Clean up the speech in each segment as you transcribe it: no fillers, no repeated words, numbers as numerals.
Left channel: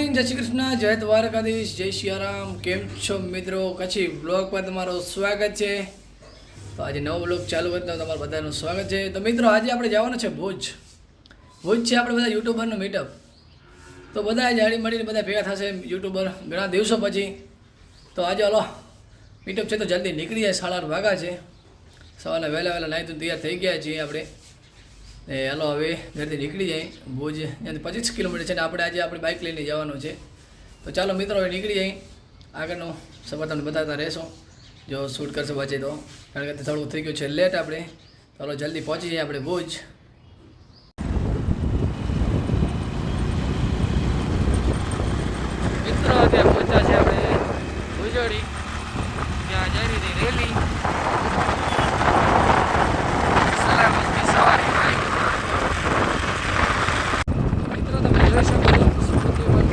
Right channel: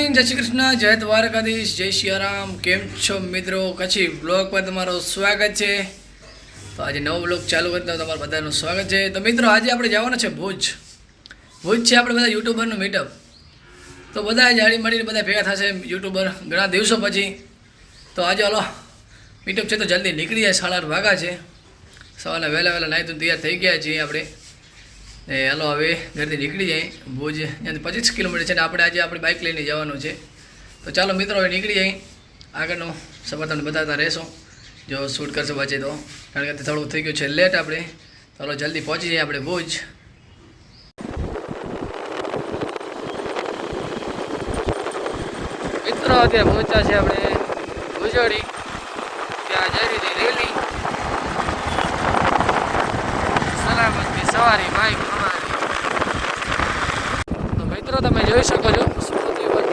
Morning, જય શ્રી કૃષ્ણ, જય દ્વારકાધીશ, જય સિયારામ. કેમ છો મિત્રો? કચ્છી બ્લોગ પર તમારું સ્વાગત છે. તો આજે નવો બ્લોગ ચાલુ કરતા તમારું બધાનું સ્વાગત છે. તો મિત્રો આજે આપણે જવાનું છે ભુજ છે આપણે બધા યુટ્યુબરનું મીટઅપ. તો બધા જાળી મળીને બધા ભેગા થશે યુટ્યુબર ઘણા દિવસો પછી. તો આજે હલો મીટઅપ છે તો જલ્દી નીકળી જાય. 8:30 વાગ્યા છે. સવારના વહેલા નાહી તો તૈયાર થઈ ગયા છીએ આપણે. એ હાલો હવે ઘરેથી નીકળી જાય. ભુજ ત્યાંથી 25 કિલોમીટર છે ને આપણે આજે આપણી બાઇક લઈને જવાનું છે. તો ચાલો મિત્રો હવે નીકળી જાય. આગળનું સફર તમને બતાવતા રહેશું જો શૂટ કરશે વચ્ચે તો, કારણ કે થોડું થઈ ગયું છે લેટ આપણે. ચાલો જલ્દી પહોંચી જઈએ આપણે ભુજ. મિત્રો અત્યારે પહોંચ્યા છે આપણે ભુજોડી. ત્યાં જઈ રહી રેલી સલામતની સવારી ભાઈ. મિત્રો તમે જોઈ શકો છો સ્કૂટી પર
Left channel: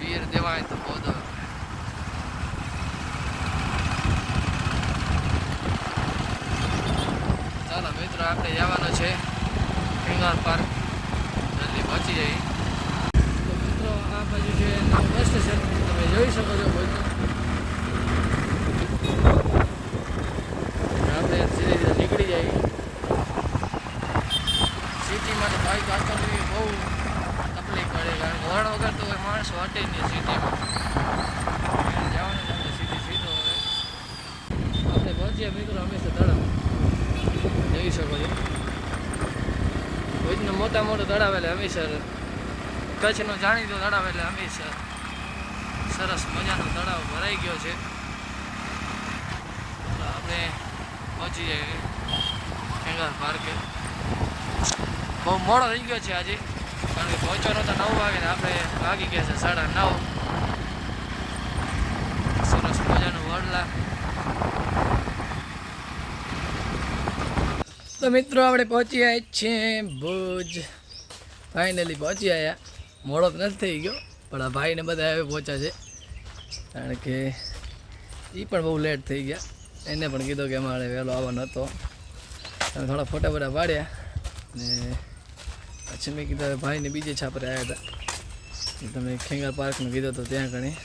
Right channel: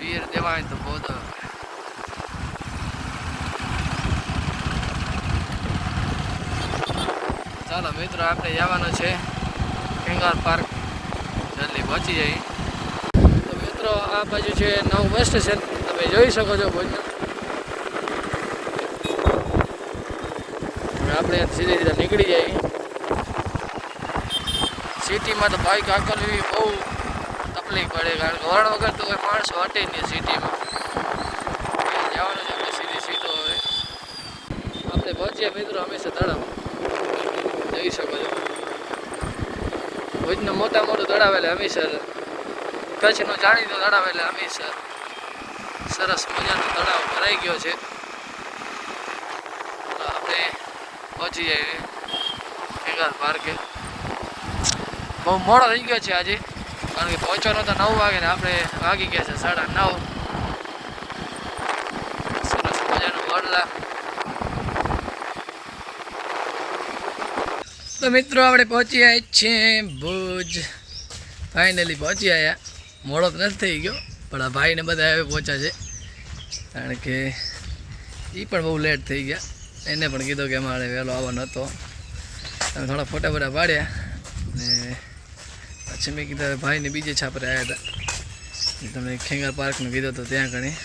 વીર દેવાય તો બહુ ચાલો મિત્રો આપણે જવાનું છે ખેંગાર પાર્ક. જલ્દી પહોંચી જઈએ. તો મિત્રો આ બાજુ છે નવું બસ સ્ટેશન, તમે જોઈ શકો છો ભુજ. આપણે ધીરે ધીરે નીકળી જઈએ. સિટીમાં તો બાઇક હાંકવી બહુ તકલીફ પડે, કારણ કે વરણ વગર તો કોઈ માણસ હટે નહીં સિટીમાં. જવાનું છે આપણે સીધી સીધો. હવે આપણે પહોંચીએ મિત્રો હંમેશા તળાવ. જોઈ શકો છો ભુજનું મોટું તળાવ એટલે હમીસર. કચ્છનો જાણીતો તળાવ એટલે હમીસર. સરસ મજાનો તળાવ ભરાઈ ગયો છે. આપણે પહોંચી જઈએ ખેંગાર પાર્કે. બહુ મોડો થઈ ગયો છે આજે, કારણ કે પહોંચવાનો તો 9 વાગે ને આપણે વાગી ગયા છે 9:30. સરસ મજાનું વડલા. તો મિત્રો આપણે પહોંચી આવ્યા છીએ ભુજ. ફાઇનલી પહોંચી આવ્યા. મોડો તો નથી થઈ ગયો, પણ આ ભાઈને બધા હવે પહોંચ્યા છે, કારણ કે એ પણ બહુ લેટ થઈ ગયા. એને પણ કીધું કે અમારે વહેલો આવવાનો હતો. તમે થોડા ફોટા પાડ્યા ને પછી મેં કીધું ભાઈને બીજે છાપરે આવ્યા હતા. તમે ખેંગાર પાર્કનું કીધું તો ત્યાં ઘણી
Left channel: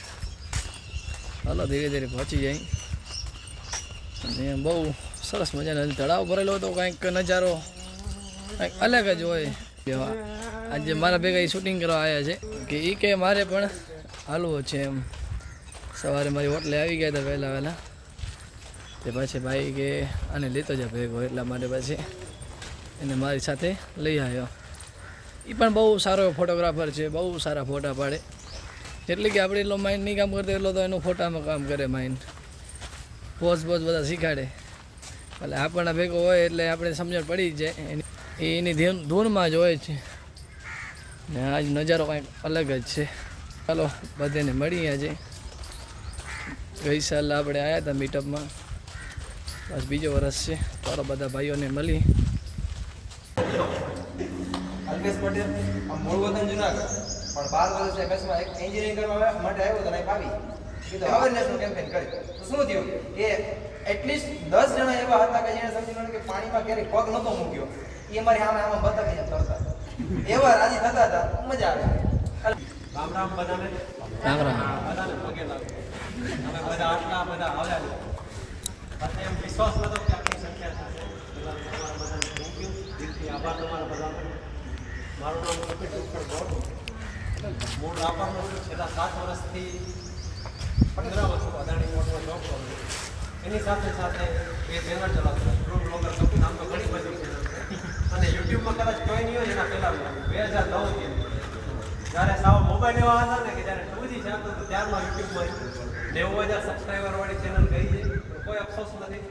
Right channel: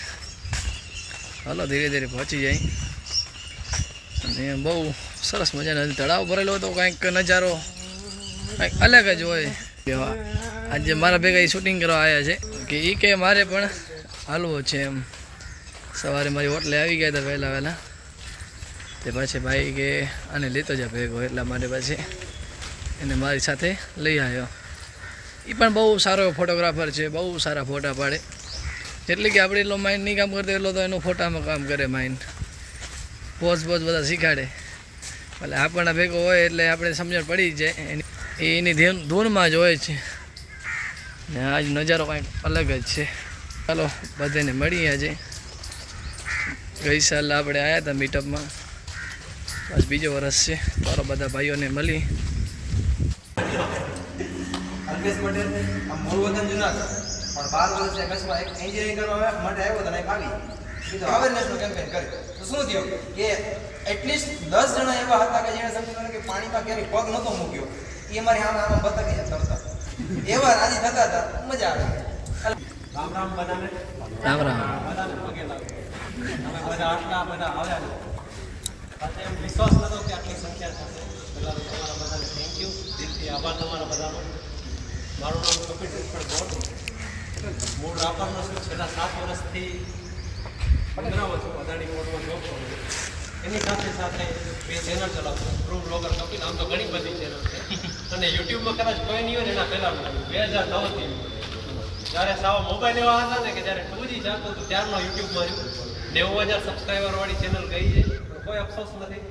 હાલો ધીરે ધીરે પહોંચી જાય. અને બહુ સરસ મજાનો તળાવ ભરેલો હતો. કંઈક નજારો કંઈક અલગ જ હોય. આજે મારા ભેગા એ શૂટિંગ કરવા આવ્યા છે કે એ કે મારે પણ હાલવો છે એમ. સવારે મારી હોટલે આવી ગયા હતા વહેલા. તે પછી ભાઈ કે આને લેતો જા ભેગો, એટલા માટે પછી એને મારી સાથે લઈ આવ્યો. એ પણ બહુ સારો ફોટોગ્રાફર છે, બહુ સારા ફોટા પાડે. એટલે કે આપણે એટલો માઇન્ડ નહીં કામ કરતો એટલો તો એનું ફોટામાં કામ કરે માઇન્ડ. પોઝ બધા શીખાડે. એટલે આપણને ભેગો હોય એટલે આપણે સમજણ પડી જ જાય. એની ધૂનમાં જ હોય છે. ને આજ નજારો કંઈક અલગ જ છે. ચાલો બધાને મળીએ. આજે ગઈ સાલ આપણે આવ્યા હતા મીટઅપમાં, બસ બીજો વર્ષ છે. ચાલો બધા ભાઈઓને મળી. અલ્પેશ પટેલ મૂળ વતન જુનાગઢ, પણ 12 વર્ષથી કચ્છમાં એન્જિનિયરિંગ કરવા માટે આવ્યો હતો. આવી કીધું અવેરનેસનો કેમ્પેન કરી તો શું થયું કે એટલીસ્ટ 10 જણા એવા હતા કે જેણે સમજી લો કે પાણીમાં ક્યારેય પગ નહોતો મૂક્યો. એ અમારી આમ બતકીને તરતા એવા રાજી થતા હતા. મજા આવે. રામ બધાને રામ રામ. અમે બધા આટલા બધા આવ્યા છે. એમ વિશ્વાસ નતો કે આટલી સંખ્યા થશે. તમારા બધાને થેન્ક યુ, દિલથી આભાર તમારા બધાનો. મારું નામ કપિલ ગોડ. મૂળ રાપરનો છું. છેલ્લા 7 વર્ષથી પંદરામાં છું. અદાણી મોડમાં જોબ કરું છું. એની સાથે 2 ચેનલ ચલાવતો છું. True blogger Kapil. આમ તો ઘણી બધી ચેનલ છે, અને યુટ્યુબમાં કદાચ કોઈ નહીં હોય ને એના પહેલાં 2009થી જ્યારે સાવ મોબાઈલ એવા હતા ને કે જ્યારે 2G ચાલતું હતું ત્યારનો યુટ્યુબમાં 90,000 સબસ્ક્રાઈબરવાળી ચેનલ ગઈ છે. કોઈ અફસોસ નથી.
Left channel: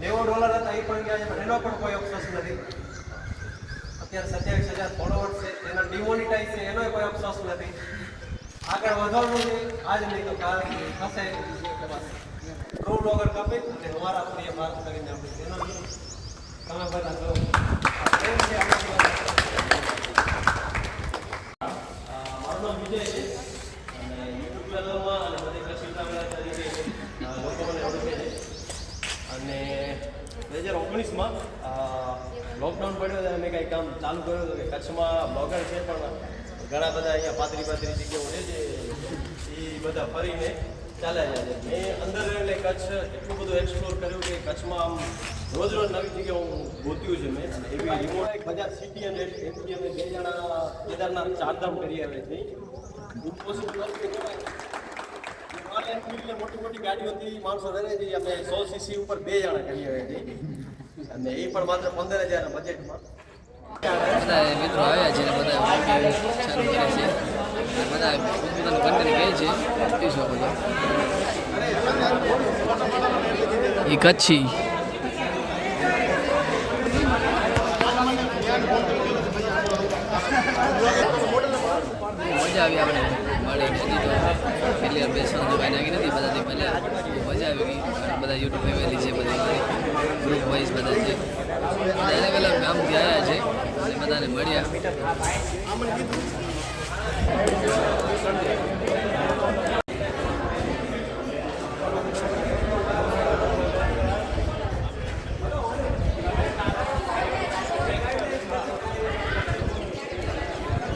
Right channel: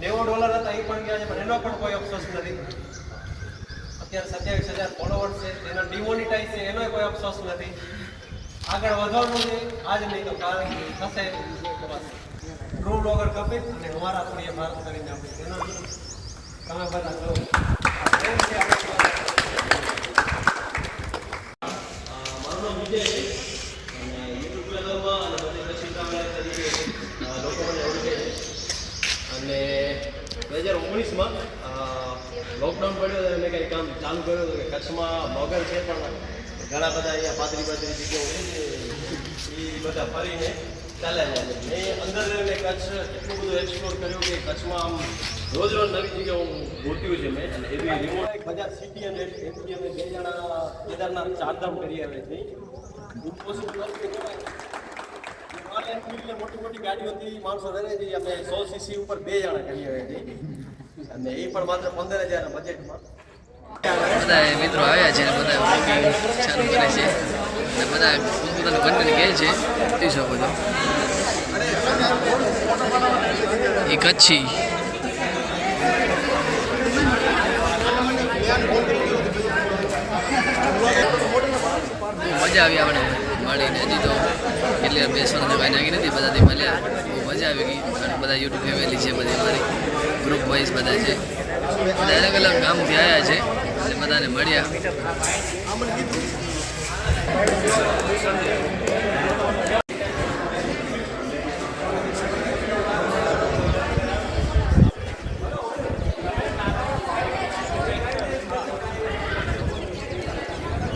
$90 હતા એ પણ ગયા છે, પણ એનો પણ કોઈ અફસોસ નથી. અત્યારે 27,000 ફોલોવર્સ છે. ચેનલ ડિમોનિટાઈઝ છે, એનો કોઈ અફસોસ નથી. આગળ વધવાનું છે, આજ નહીં તો કાલ થશે. ટ્રુ બ્લોગર કપિલ અને અમારા પ્રિય ભારત કરીને આપણી ચેનલ તમે બધા જો એમ છે. મારું નામ વિજય છે અને યુટ્યુબ ચેનલમાં અને બધી 2019માં લોકડાઉન પડ્યો અને કંઈ કામ ચાલુ કર્યું હતું કે કચ્છમાં બ્લોગર છે પણ ઘણા બધા અહીંયા પાતળી જગ્યાઓ છે એ બધા ફરીને ચાલ્યા જાય છે. મેં અંદર રહીને કચ્છ એટલું બધું એક્સપ્લોર કર્યું કે કચ્છમાં આમ રોજ નવી જગ્યાઓ હું ગોત્યું છે મેં અને એવી રિમોટ બજાર સિટી અને એમપી અમે 2 જણા કેદારનાથ ચારધામ કરી આવે છે. ઇમ્પોસિબલ મોટી મોટી ગાડીઓથી માણસો રહે છે અમે 100 cc ઉપર 2 જણા કરી આવે છે અને એ પણ માત્ર 15,000 બજેટમાં. બધા મિત્રો આવ્યા છે ને બધા વોકિંગ ચાલુ કરે છે અને બધા પોતપોતાનું કન્ટેન્ટ કહે છે જોઈ શકો છો. એ કચ્છી બહુ મજા આવી આપણે મળીને. હજી તો કેટલી વાર બેસવાના જગ્યા નાખી નથી, બધાથી મળ્યા બહુ મજા આવી ગઈ. અને બધા યુટ્યુબ ફેમિલી છે, બધી મારી ગ્રુપ વાઇઝ બધા છે, બધા અલગ અલગ ગામથી આવ્યા છે એટલે બધાને મળ્યા.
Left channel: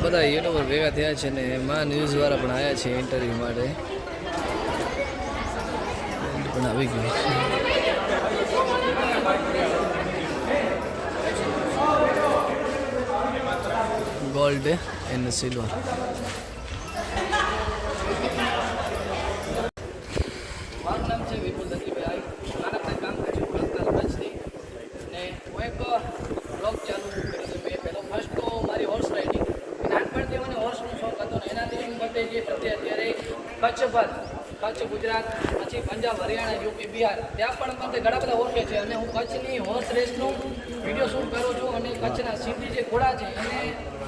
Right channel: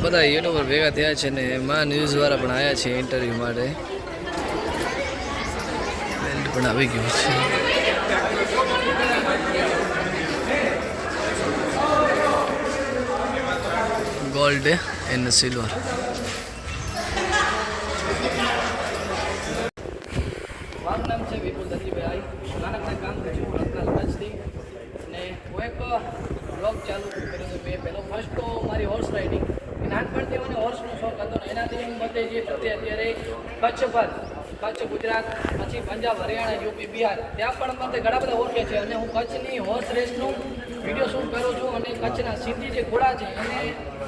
બધા યુટ્યુબર ભેગા થયા છે ને એમાં ન્યૂઝવાળા પણ આવ્યા છે ઇન્ટરવ્યૂ માટે. બેલ્ટ પણ આવી ગયું છે. Gold and silver. મારું નામ છે વિપુલ દત્તીભાઈ. નાનકડા કામ કરું છું રત્નાલ કચ્છથી અને હું એક બ્લોગ ચાલુ કર્યો હતો. મેં પહેલો ફર્સ્ટ તો મારી હોર્સ રાઇડિંગ. નાનપણથી મને હોર્સનો શોખ હતો ને એનાથી હું બધે જે પ્રત્યે અત્યારે કચ્છ પર કચ્છ, ગુજરાત, પછી પંજાબ, હરિયાણા, યુપી, બિહાર ત્યાં પણ મને ઘણા બધા ઓળખે છે અને હું કચ્છની હોર્સ રેસનું વિડીયો શૂટ કરું છું અને કચ્છના સિંધી જે ઘોડા છે અને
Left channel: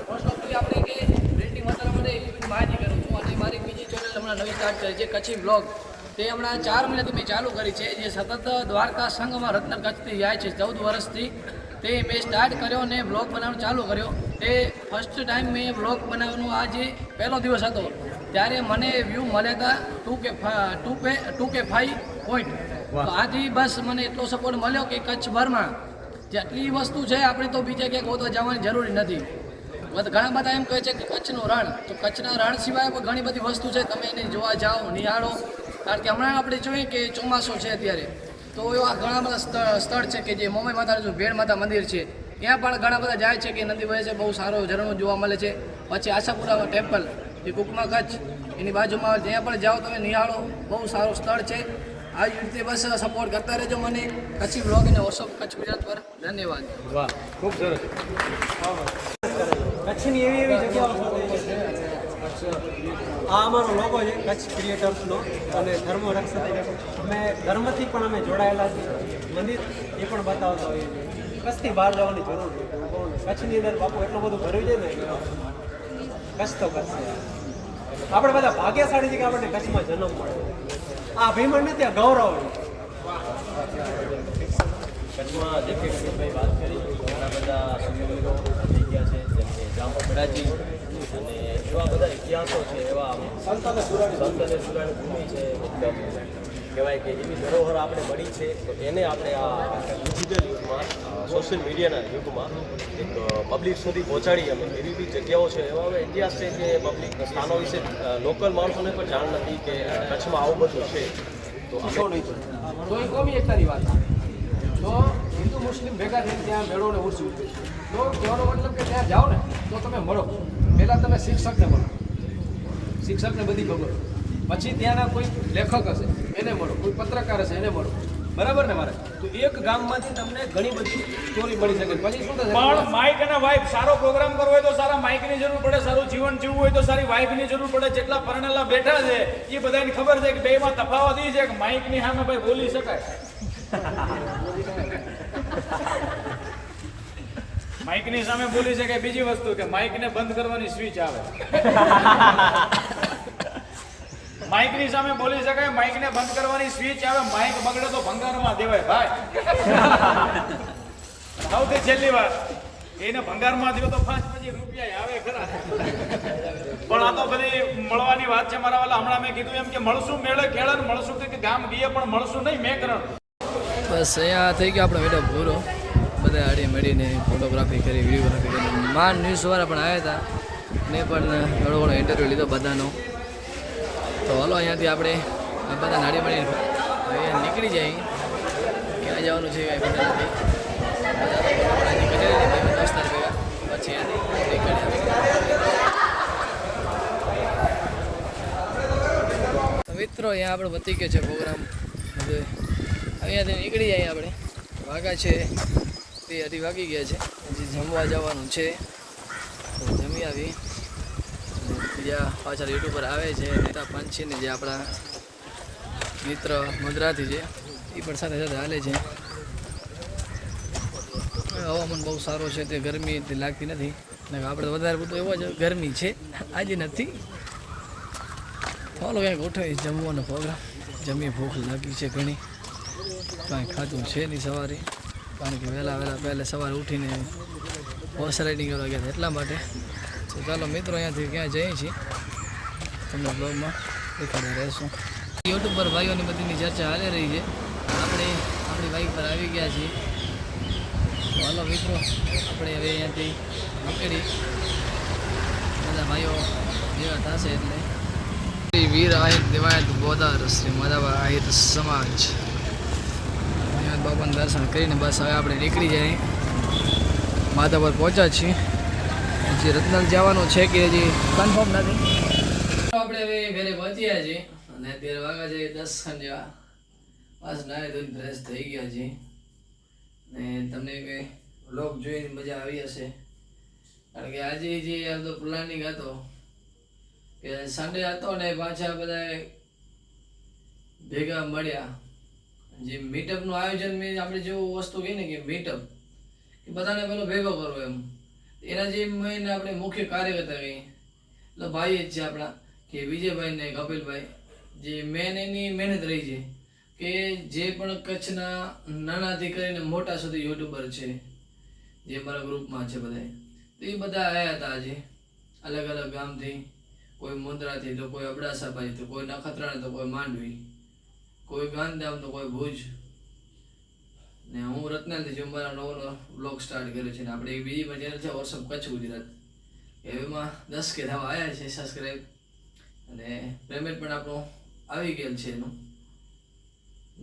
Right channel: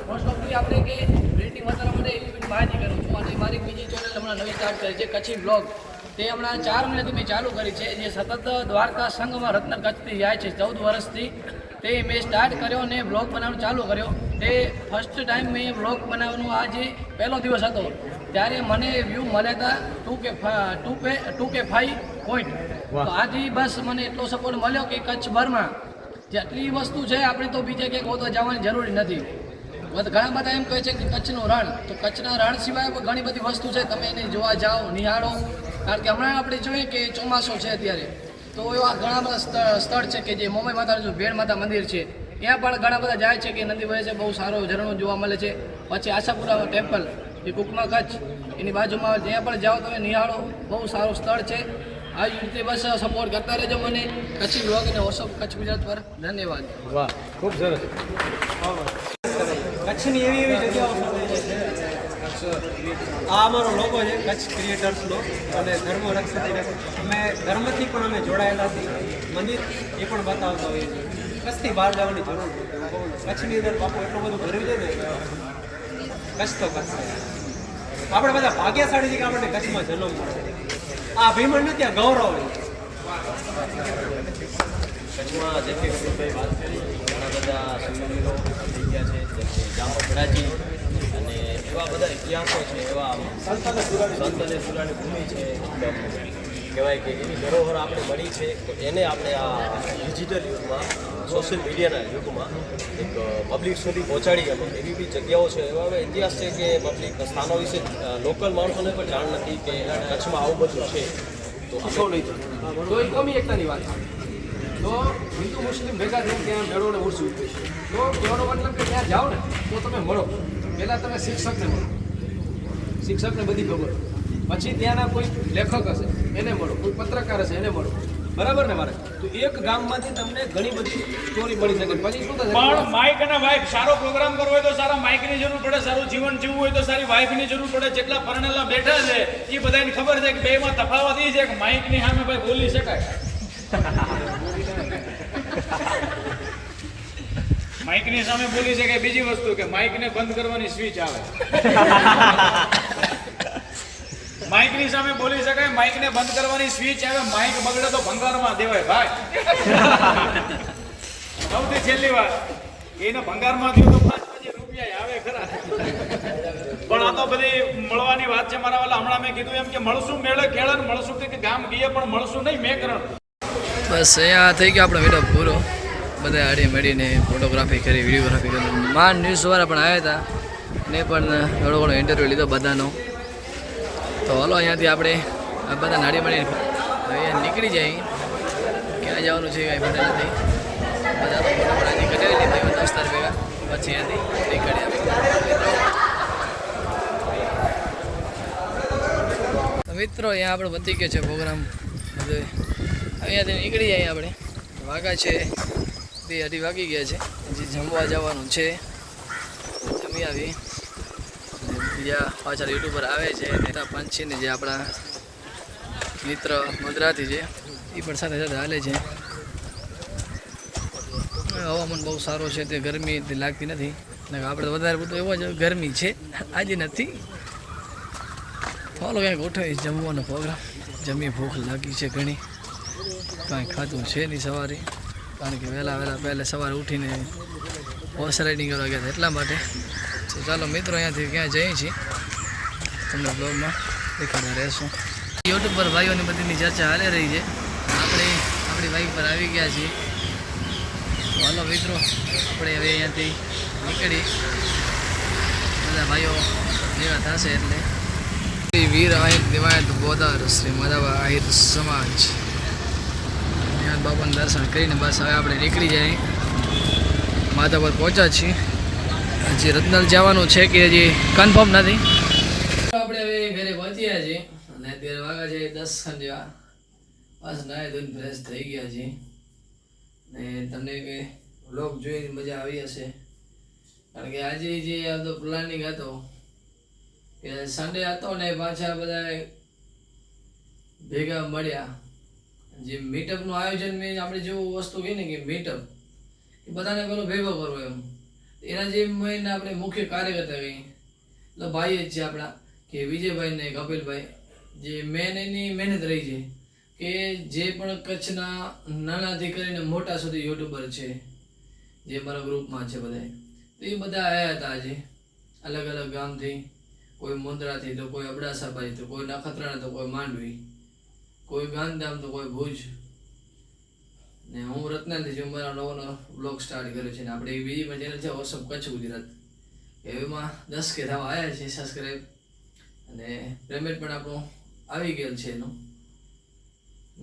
મોસ્ટ ઓફલી આપણે જે બિલ્ડિંગ વધારવા માટે એવી બધી માહિતી કરું છું. અને મારી બીજી ચેનલ હમણાં નવી સ્ટાર્ટ કરી છે કચ્છી બ્લોગ. તે હમણાં 4 મહિનાથી મેં ચાલુ કરી છે જે સતત દ્વારકા સંઘમાં રત્ન કચ્છથી જાય છે 14 વર્ષથી. તે મેં સ્ટાર્ટ કર્યો અને બ્લોગ બનાવવાનું ચાલુ કર્યો. તે ફર્સ્ટ ટાઈમ મેં બ્લોગ બનાવવાનો આ જે પહેલો દિવસ હતો ત્યારે મને વ્યૂ મળ્યા હતા 2K5 પોઈન્ટ. તો આથી બસ મને એટલો સપોર્ટ મળ્યો કે કચ્છભરમાં જેટલી વસ્તુ છે આપણે તો બીજે ક્યાંક હોતો જવાની જરૂરી નથી. ઘણા બધા એમ કહે છે કે કચ્છનું રણ, તો કચ્છના રણ સિવાય પણ ઘણી બધી વસ્તુ છે, તમે એને જોવા જાઓ, નિહાળો. કારણ કે હમણાં આપણે જોઈએ કે ચોમાસું છે અત્યારે, તો એવા ઘણા બધા સ્થળ છે કે જે મોમાઈ માતાનું ભેડ માતા મંદિર છે ત્યાં પણ ઘણા બધા જાય છે કે નદી વહે છે, બહુ સારો ઝરણો જોવા મળે છે. પછી આશાપુરા ટેમ્પલ જે કુકમા કચ્છ એની બાજુમાં જ્યાં પણ જાઓ તમે નિહાળો, બહુ સારું સ્થળ છે. આવી રીતે બસ સપોર્ટ કરતા રહેજો મને કચ્છી બ્લોગ અને વોટ્સઅપ કચ્છ ગુજરાત પર. ધન્યવાદ. વાહ, ખૂબ સરસ. કચ્છની એવી જગ્યાઓ આ અમારો લોગો છે કચ્છ ક્રિએટર્સનો અને ધર્મ રક્ષક. અમે ધર્મથી પણ અમે જોડાયેલા છીએ. મંદિર એ પણ બતાવતો હોઈએ છીએ. કચ્છથી બહાર જવાની જરૂર નથી. હું કહું ને કચ્છની અંદર બાપુ એટલું બધું ભર્યું છે ને કચ્છ તો કચ્છ છે. આપણે બધા ભાગ્યશાળી છે કે આપણને કચ્છમાં જન્મ મળે. આ અભિમાન નથી, આ ગૌરવ છે. કચ્છમાં જેમ કે કપિલભાઈ વાત કરી ઘણા બધા શિવવીરો થઈ ગયા છે જેમ કે જામપરાજી અને એવા બધા ઇતિહાસો છે, એવા સંત અને સુરાણી ભૂમિ છે. એકદમ કહેવાય કે એવી ધરોહર આપણે મળી છે. તો એને આપણે આ ડિજિટલ યુગમાં, સોશિયલ મીડિયાના યુગમાં એક પબ્લિક સુધી પહોંચાડી અમે એવી બી જગ્યાઓ છે, એવા હવે ઇતિહાસ છે કે પબ્લિક સ્થાનો વિશે લોકલ માણસોને પણ જાણ નથી કે કચ્છમાં આવું બધું છે. તો અમે નહીં તો એ કોમી એકતાની વાત. તો હિન્દુ મુસ્લિમ ભેગા થઈને ત્યાં મેળોને ઉર્સું. તો કહેવાનો મતલબ કે ત્યાં જાઓ ને તો તમે મળો. પહેલાં તમે શિક્ષકને મળો, શિક્ષકને બધી ખબર. પછી ત્યાંના કોઈ લેખક હશે એને મળો, કોઈ પત્રકાર હશે એને મળો. બરાબર ને મારે? તો એક ગામમાંથી તમને ઘણી બધી સ્ટોરી મળી શકે. પછી શું થશે? પણ માઇક અને વાઇફ, સારો પ્રોગ્રામ કરવો હોય તો સારા માઇકની જરૂર પડે, સારું જીવન જીવવું હોય તો સારી વાઇફની જરૂર પડે. જેટલા પરણેલા બેઠા છે એ બધાને ખબર છે કે બેમાં તફાવત એ છે કે માઇકની સામે ભાઈ બોલી શકાય. માઇકની સામે બોલી શકાય. બીજી વસ્તુ કે માઇકને બંધ કરવાની સ્વિચ આવે. માઇકની સામે બોલી શકાય, માઇકને બંધ કરવાની સ્વિચ આવે. માઇક બગડે તો ભંગારમાં દેવાય ભાઈ. સૌથી છેલ્લી વાત, એને ભંગારમાં દીધું તો 5-5 રૂપિયા આવે ખરા. પણ આ તો બધી મળવાની વાત છે મારા વાલા. હમણાં મેં કીધું એમ કે મળશું મેળે ખેડે, મળશું કે ગામ ગઈએ પણ મળશું નહીં મેં કરણ. બસ અહીંયા થઈ ગયો આપણો વિડીયો પૂરો. બધા આડી મળીને ફોટોગ્રાફી કરી, વિડીયોગ્રાફી કરી. માન ન્યૂઝવાળા પણ આવ્યા હતા, ને પણ થોડો ઘણો ઇન્ટરવ્યૂ લીધો બધાનો. તો હાલો અહીંયાથી આપણે આ બધા નાડી મળીને અહીંયા નીકળી જાય. ક્યાં જવાનું છે કાંઈ ખબર નથી. બધા તો ફોટો પણ હજી કઢાવી લે ભાઈ દોસ્તાર ભેગા, પછી અહીંયાથી નીકળ્યા. મિત્રો અહીંયા આપણે પતી ગયો છે પ્રોગ્રામ બધું. અહીંયાથી નીકળી જાય આપણે. વાગા છે 2:30 વાગી ગયા છે. હજી જમવા જવાનું છે, તો જમી આવી. બીજા પાછળ યુટ્યુબર આવે છે પંચીને, જે આપણા મિત્ર મદ્રાથી છે, એ પણ સાથે સાથે હાલે છે. હવામાન બહુ સારો છે, તે ગરમી લાગતી નથી. આપણે વધારે બધું એવો જ ગરમી છે, આજે નથી. ચાલો ક્યાંક ઉઠાવી જમવાનો પ્રોગ્રામ. જમી ભૂખ લાગી છે ઘણી, કાંઈ ખાધું છે નહીં સવારે, કારણ કે પહેલાં સવારે ઉઠીને હોર્સ રાઇડિંગ કરવા ગયા હતા એટલા માટે. તો ચાલો મિત્રો અહીંયાથી ક્યાં જઈએ છીએ તમને બ્લોગમાં દેખાડતા રહેશું. યુટ્યુબ પર ભાઈઓની બધીની ચર્ચા હાલી રહી છે. આપણે આપણી બાઈક પર આવી ગયા છીએ. તો હાલો મિત્રો આપણે હવે અહીંયાથી નીકળી, બધા ભાઈઓ ભેગા થશે એટલે. વીર આહિર દિવાયત બોદાર શ્રી માધવા આહિર સમાજ બાબાનું દર્શન કરીને બસ હવે આપણે નીકળી જાય. માધવ પર પહોંચ્યા છીએ. હજી રત્નલ જવાનું છે કે હજી કન્ફર્મ નથી. આપણે હવે ઘરે પહોંચ્યા છીએ અને અત્યારે વાગ્યા છે 10 જેવા. બસ નાય ધોઈને ફ્રેશ થઈ ગયા છે. ને તમને કંઈ વ્લોગ જોઈને મજા આવી હશે, કારણ કે આજે જે આ તો પ્લાનિંગ હતો કે સન્ડે હતો ને પાછા બધા ભેગા મળ્યા. જે મીટઅપનું આયોજન મેં આપણે જેવું વસ્તુ કહીએ ને કે મીટઅપ, કે બધાને પેલો ભેગો કરવો એમ, એના જે મેન આપણે મુખ્ય કાર્યકર્તા કહીએ એટલે ભાઈ જ છે આપણા કે વિજયભાઈ ને કપિલભાઈ, જે મેન એની મહેનત રહી છે કે જે પણ કચ્છના નાનાથી કરીને મોટા સુધી યુટ્યુબર છે જે મારા ગ્રુપમાં છે બધા, તો એ બધા આવ્યા હતા આજે અલગ અલગ ગામથી. કોઈ મુંદ્રાથી, તો કોઈ અબડાસાભાઈ, તો કોઈ નખત્રાણા, તો કોઈ માંડવી, કોઈ ગાંધીધામ, તો કોઈ ભુજ. ને હું રત્નાલથી છું. મારા નવો બ્લોગ સ્ટાર્ટ કર્યો છે ને આપણે એક બીજી પણ ચેનલ છે વોટ્સઅપ કચ્છ ગુજરાત, એમાં 10 કે થવા આવ્યા છે સબસ્ક્રાઈબ, અને પેમેન્ટ પણ આપણું આવી ગયેલ છે એનું.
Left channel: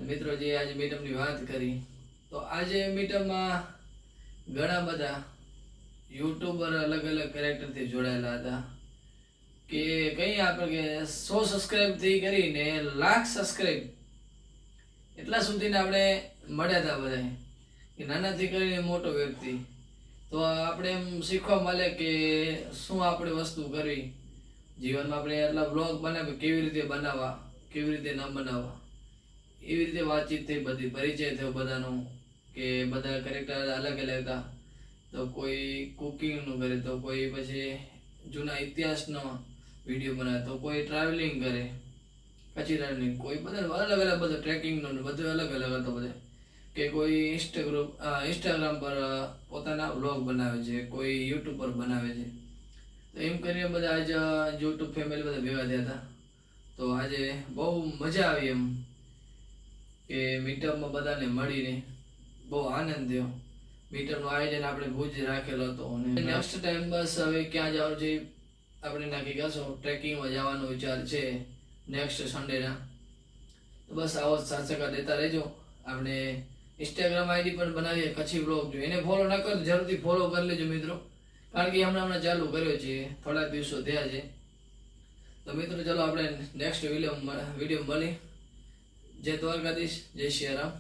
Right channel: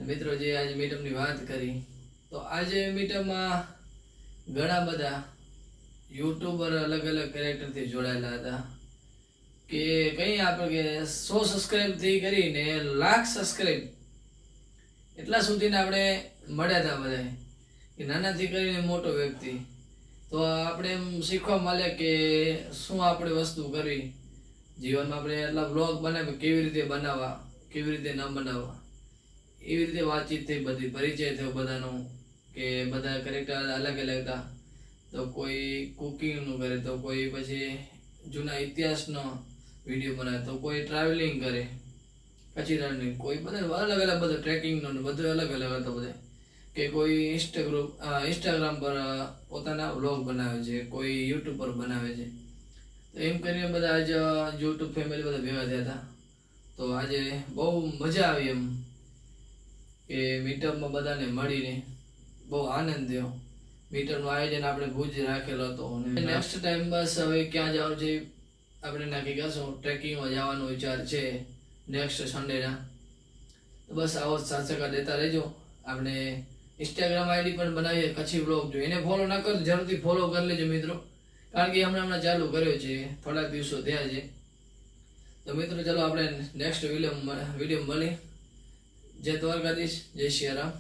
મિત્રો જે આજે મીટઅપની વાત કરી, તો આજે મીટઅપમાં ઘણા બધા યુટ્યુબર અલગ અલગ કેરેક્ટરથી જોડાયેલા હતા. કે કંઈ આપણે કે 100 સબસ્ક્રાઈબથી કરીને 1,00,000 સબસ્ક્રાઈબ એટલા સુધીને આપણે મળ્યા હતા બધા, કે નાનાથી કરીને મોટો વ્યક્તિ. તો આપણે એમ શીખવા મળે કે શું આપણે વસ્તુ કરવી જીવનમાં. આપણે એટલા બ્લોગ બનાવે કેવી રીતે બનાવવા, કેવી રીતે ન બનાવવા, એવી રીતે વાતચીત થઈ, બધી પરિચય થયો બધાનો, કે બધા કેરેક્ટર અલગ અલગ હતા. તો કોઈ કુકિંગનું કરે, તો કોઈ પછી જૂના ઇતિહાસનો વિડીયો બનાવે, તો કોઈ ટ્રાવેલિંગ કરે કચ્છી રણની, કોઈ બધા અલગ અલગ બધું ટ્રેકિંગનું બધું અલગ અલગ હતો બધે. કે કોઈ ઇન્સ્ટાગ્રામ પર પોતાના વ્લોગ બનાવે છે, કોઈ યુટ્યુબ પર બનાવે છે. તો એમ કરીને બધા આજ યુટ્યુબ ફેમિલી બધા ભેગા થયા હતા. તો આજે બહુ મજા આવી એમ કે મીટઅપમાં બધાને મળીને બહુ આનંદ થયો. મીટઅપનું આયોજન આપણે ભુજ રાખેલો હતો, અને નેક્સ્ટ ટાઈમ બસ હવે ક્યાં જવાનું છે આપણે નક્કી કરશું. ટ્રેકિંગમાં જવાનો વિચાર છે નેક્સ્ટ સન્ડેના. તો બસ આવો સાથ સહકાર દેતા રહેજો. આપણે ઇન્સ્ટાગ્રામ આઈડી પણ બનાવીએ કચ્છી બ્લોગ, જો એને ફોલો ન કરો જરૂરથી ફોલો કરી લેજો મિત્રો, કારણ કે હમણાં ચાલુ કર્યો છે, થોડાક દિવસો થયા છે. તો મિત્રો ચલો આપણે નેક્સ્ટ વિડીયો મળી. જય દ્વારકાધીશ, જય શ્રી રામ.